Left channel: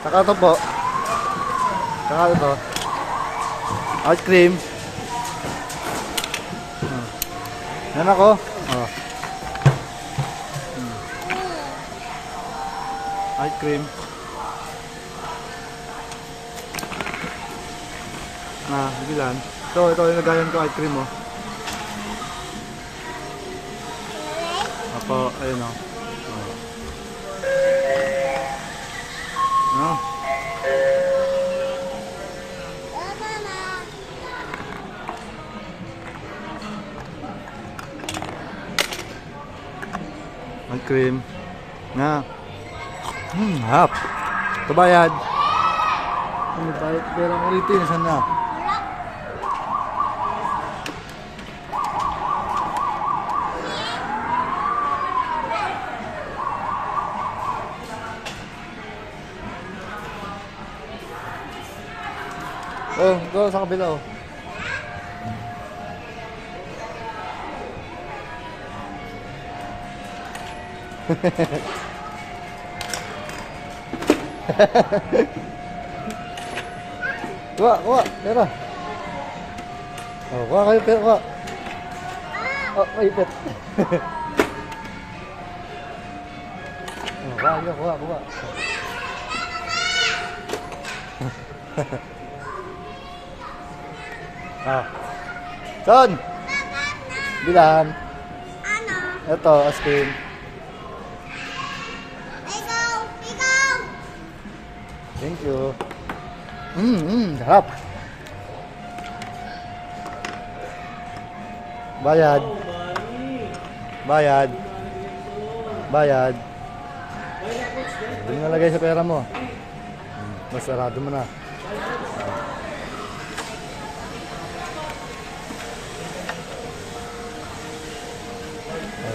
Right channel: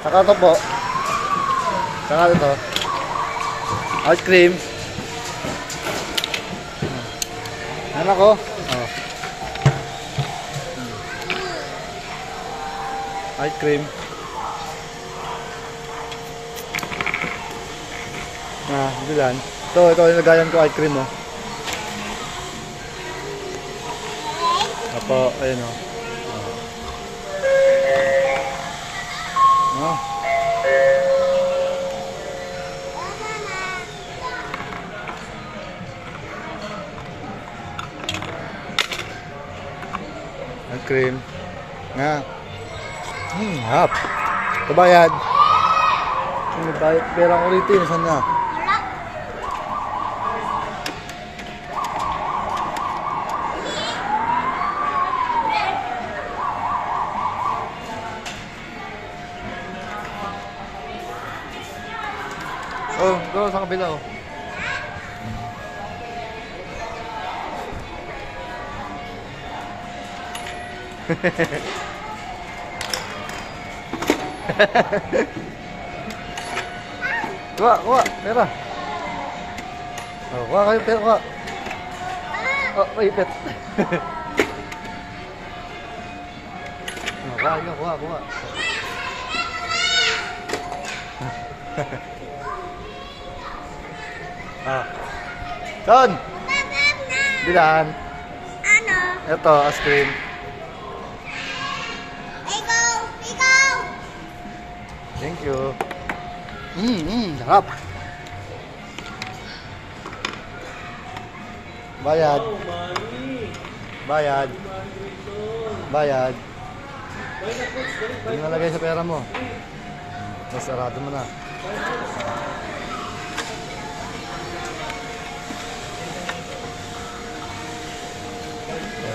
Saka ito po. Saka ito. Ice cream. Yan ako. Oh. Ice cream. Bilan. Ito nilagayan ko ice cream, oh. Apo, ayun, oh. Oh. Ice cream. Na. Hap. Ito bayad. Bayad pera ko rito. Saan na? Oh, go sa kabila, oh. Kuha, pera. Oh, kuha kayo pera, kuha. Oh, maipit. Oh, kuha. Ah. Son! Bilan? Ano? Ito, ice cream. Ikaw! Thank you. Sarap. Bayad. Hindi mo nalagay sa pera mo. Masarado mo na.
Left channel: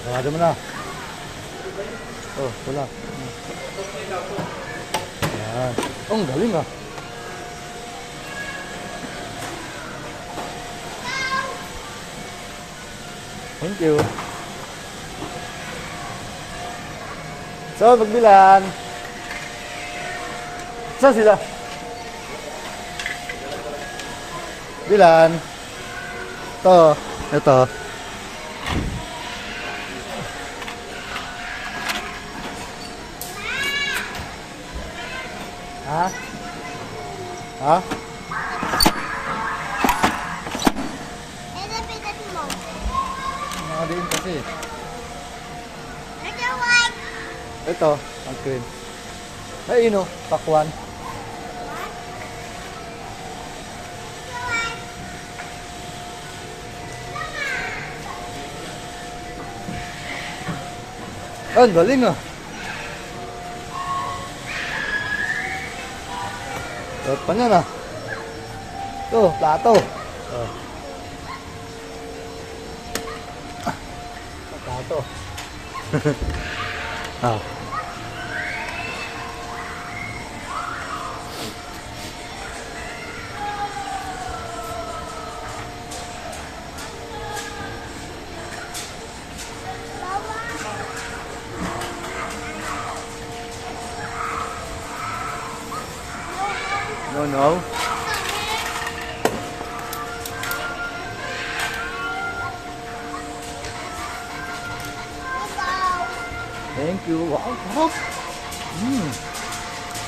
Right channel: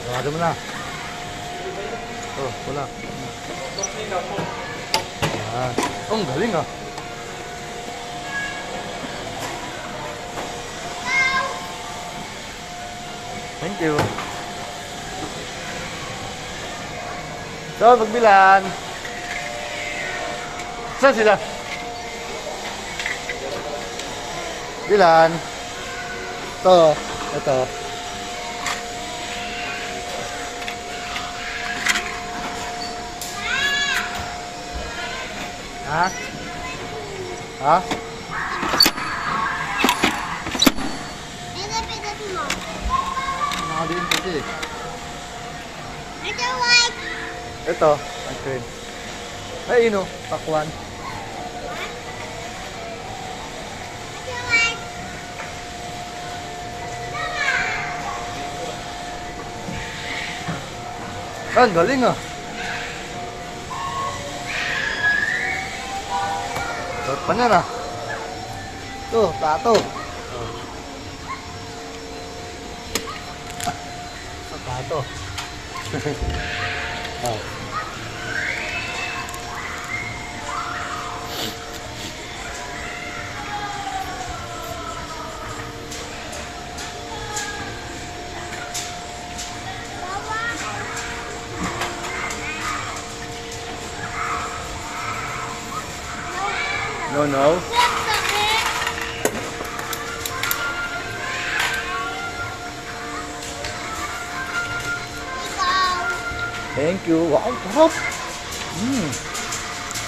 Sarado mo na. Oh, wala. Ayan. Oh, ang galing, ah. Thank you. So, magbilan. Saan sila? Bilan. Ito. Ha? Ito, pigat mo. Nakadiin kasi. Ito, white. Ito, ice cream. Ay, pakwan. Ang galing, ah. Dapat pa niya na. Ito, plato. Plato. No. Thank you. Wow, sarap.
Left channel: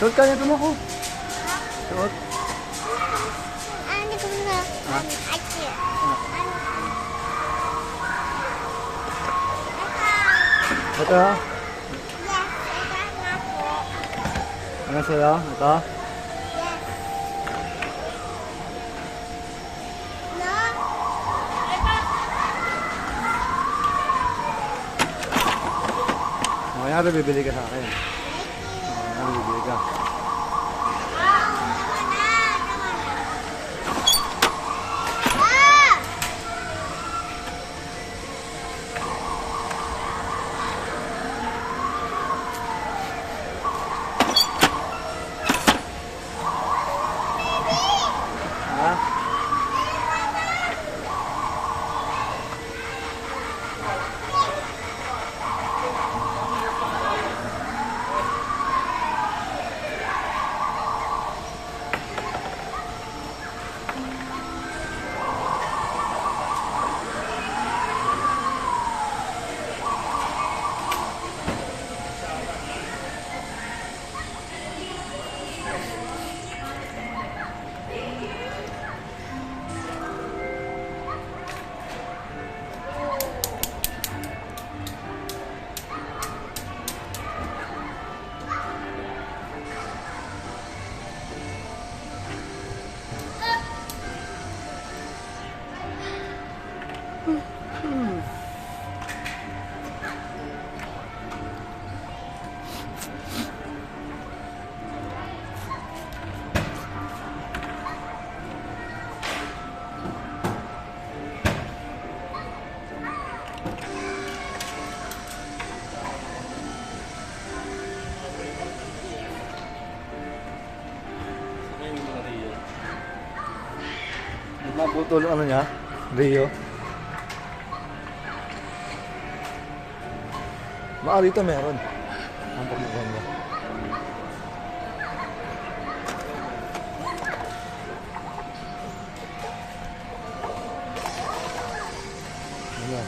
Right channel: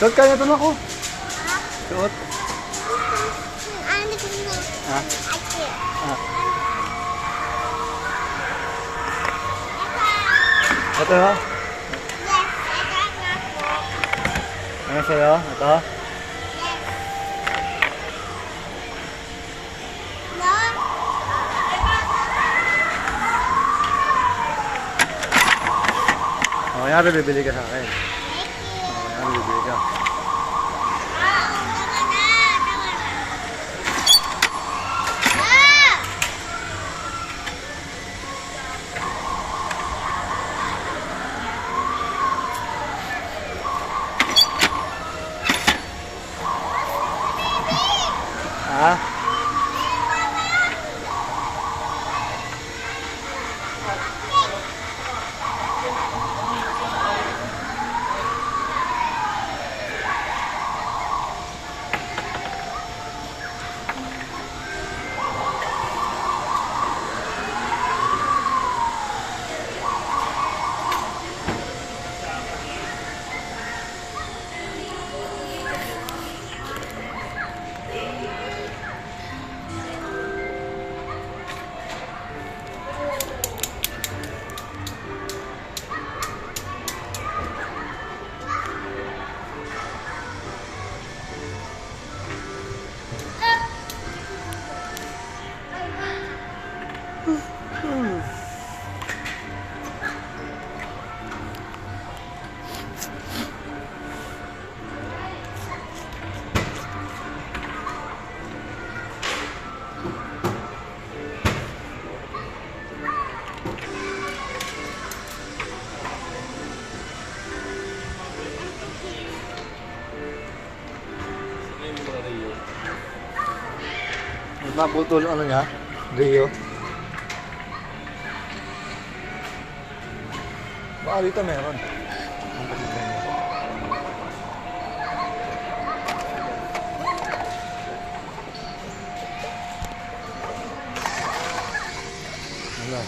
Suot ka nito na ako. Suot. Ano ko na? Ha? Ito, ha? Yes, ito po. Ano sa'yo? Ito? Yes. No? Oh, yan bibili ka sa akin. Thank you. Oh, yan bibili ka. Tama na. Ah! Ha? naputol ano niya? Rio. Baka dito meron. Ang pagmagyan niya. Ano?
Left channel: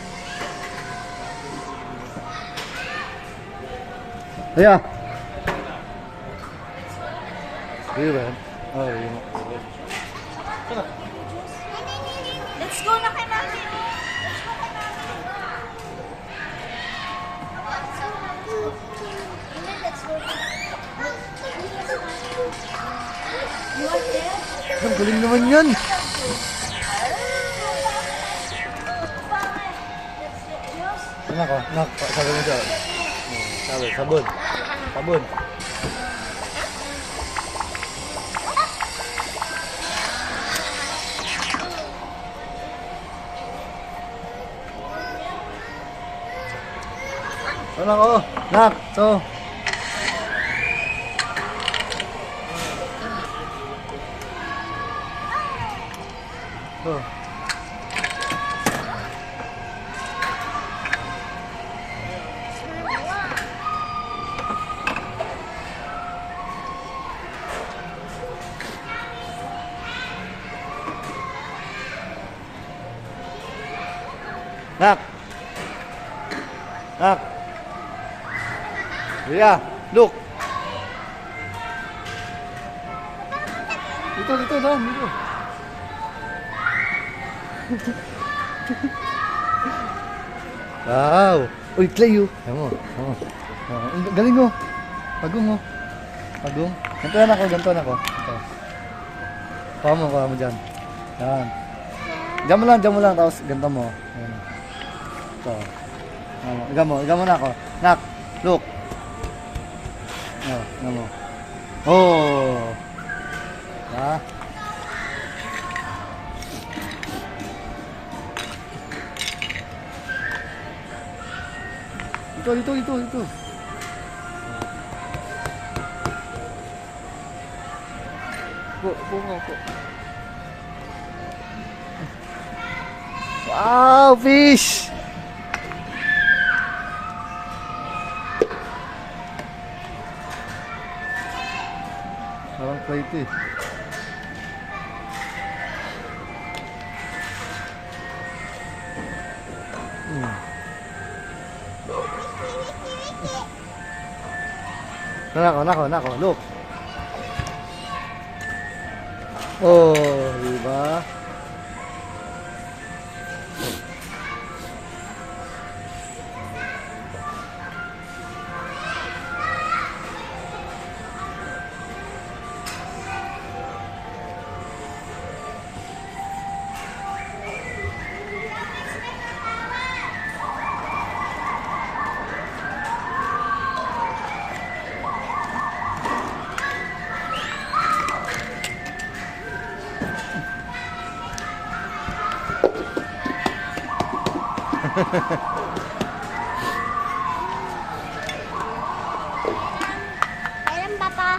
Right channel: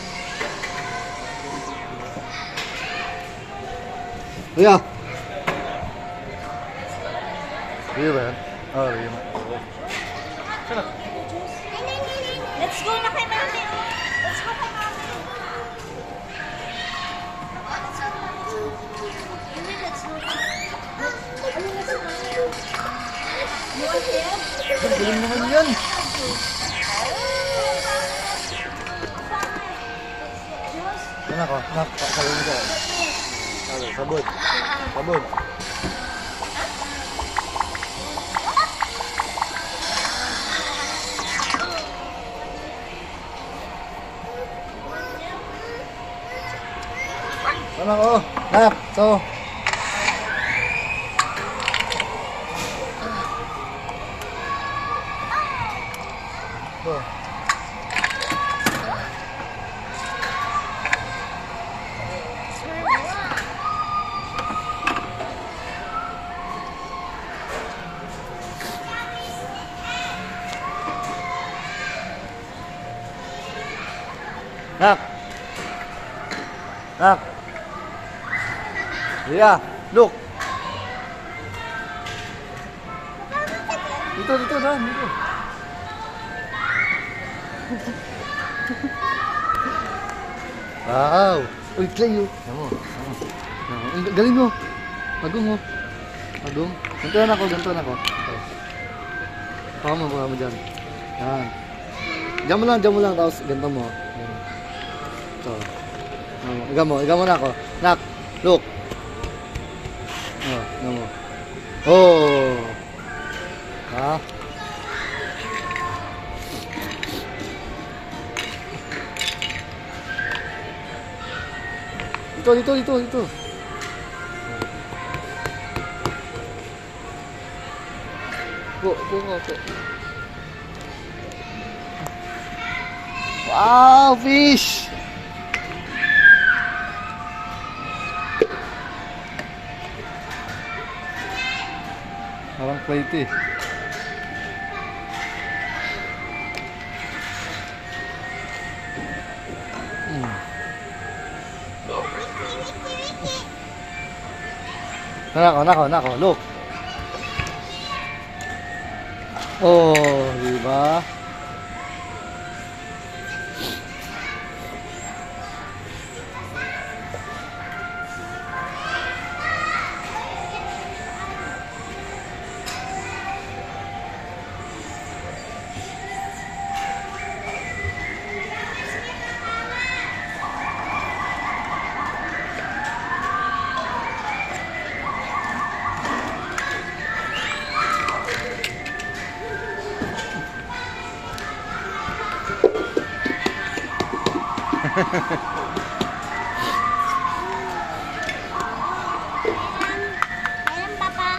Ayan. Rio ba yan? Oh, Rio. Let's go na kay mami. Let's go kay mami. Let's go. Ang galing naman yan. Anak ko, anak, sabi mo siya. Sabi, sabon. Sabon. Anak ko, anak, so. So. Nak. Nak. Ria, look. Dito, Dan, dito. Wow. Uy, Cleo. Ayan mo. Galing mo. Pagong mo. Pagong. Gantuan ako. Pama mo dyan. Diyan mo lang, tapos ganito mo. Ayan. Ito. Iga mo na ako. Nak, look. Ano. Oh. Ha? Dito. Po. Wow, fish! Parang plate eh. Nako, look. Oh, diba? Kailan, Papa?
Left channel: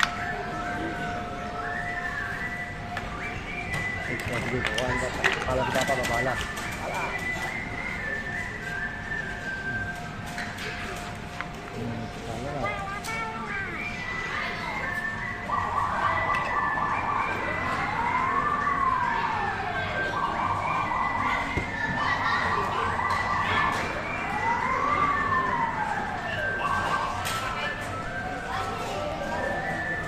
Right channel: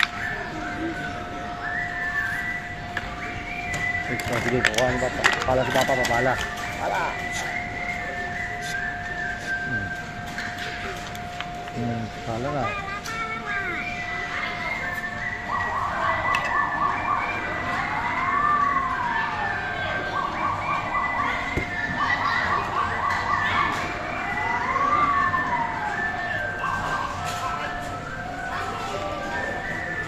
Sige, kuha ni Papa. Pala si Papa, papala. Pala nga.